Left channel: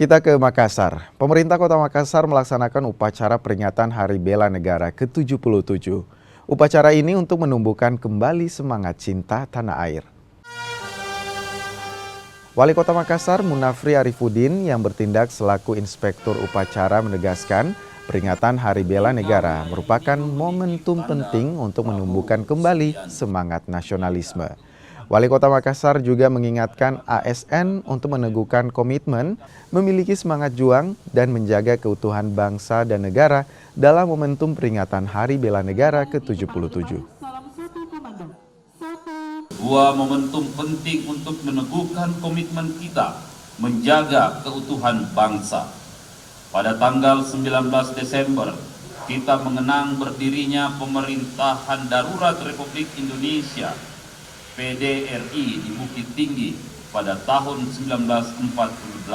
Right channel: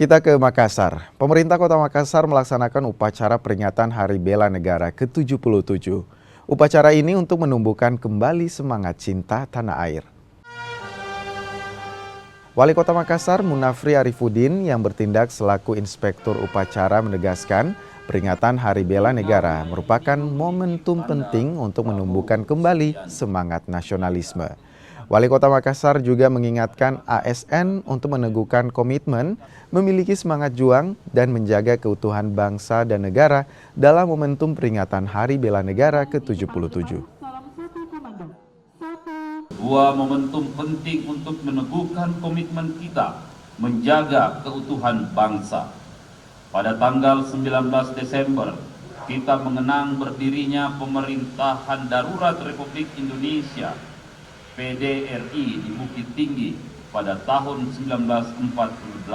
Kita ke Makassar. Pemerintah Kota Makassar melaksanakan upacara peringatan Hari Bela Negara ke-77. Upacara ini untuk menumbuhkan kembali semangat cinta tanah air. Wali Kota Makassar, Munafri Arifuddin, yang bertindak selaku inspektur upacara menegaskan peringatan Hari Bela Negara merupakan momentum penting untuk menumbuhkan kembali semangat nasionalisme. Wali Kota Makassar juga mengingatkan ASN untuk meneguhkan komitmen, memiliki semangat juang, dan menjaga keutuhan bangsa dan negara dalam momentum peringatan Hari Bela Negara ke-77. Dua momentum penting untuk meneguhkan komitmen kita menjaga keutuhan bangsa. Pada tanggal 19 Desember, kita mengenang berdirinya Pemerintahan Darurat Republik Indonesia PDRI di Bukit Tinggi pada tahun 1948.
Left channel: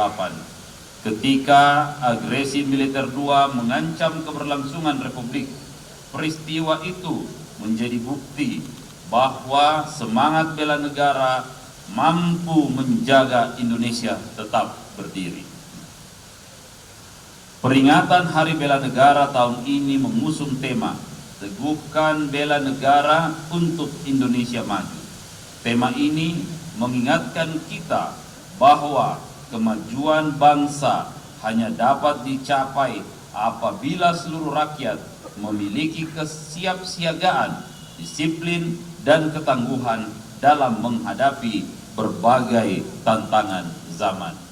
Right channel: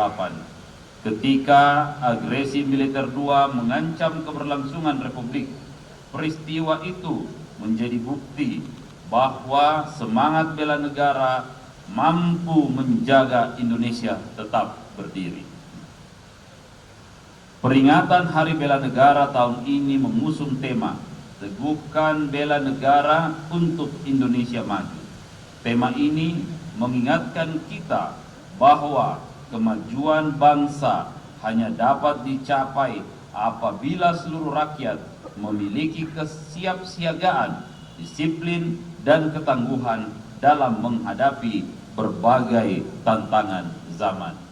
Ketika agresi militer II mengancam keberlangsungan Republik, peristiwa itu menjadi bukti bahwa semangat bela negara mampu menjaga Indonesia tetap berdiri. Peringatan Hari Bela Negara tahun ini mengusung tema Teguhkan Bela Negara untuk Indonesia Maju. Tema ini mengingatkan kita bahwa kemajuan bangsa hanya dapat dicapai apabila seluruh rakyat memiliki kesiapsiagaan, disiplin, dan ketangguhan dalam menghadapi berbagai tantangan zaman.